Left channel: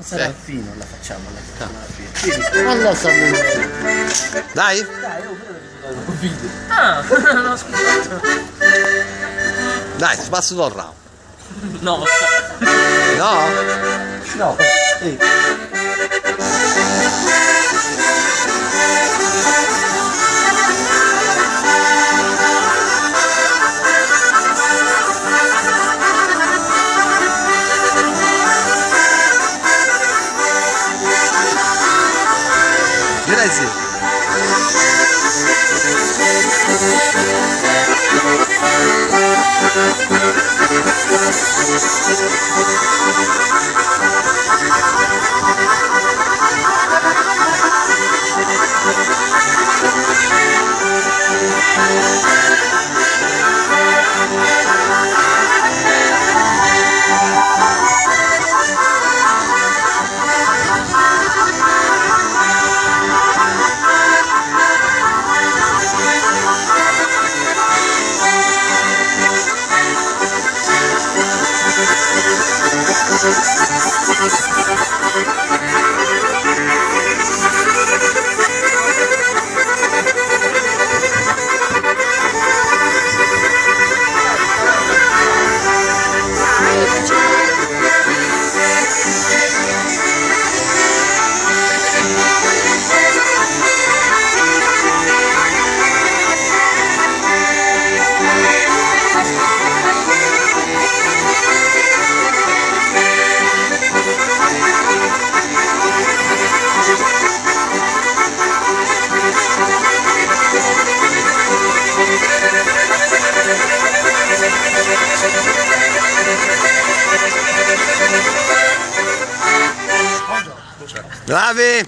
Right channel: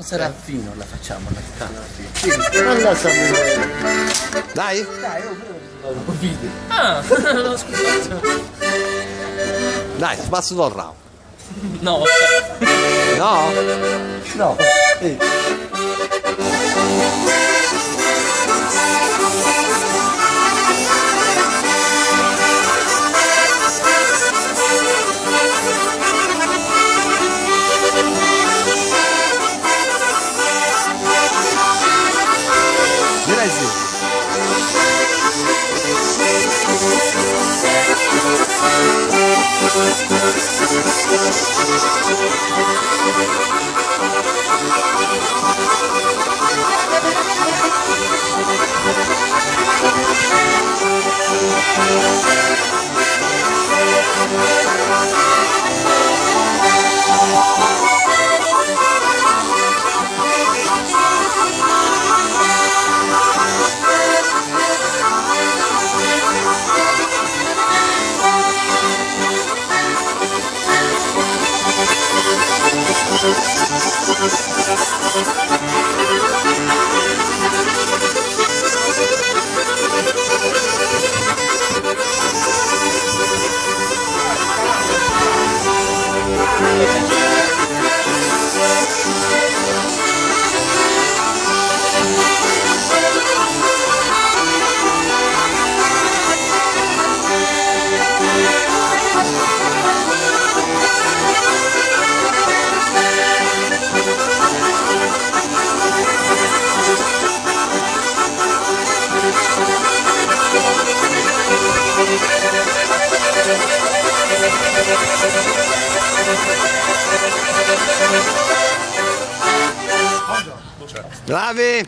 Serafino la facciamo alla fine. Non la sapevo. Dai? Dai, io vedo un video. Ah, non l'ho ascoltato. Dai, spasso dal round. No. No? No, Direi sì. Bravi!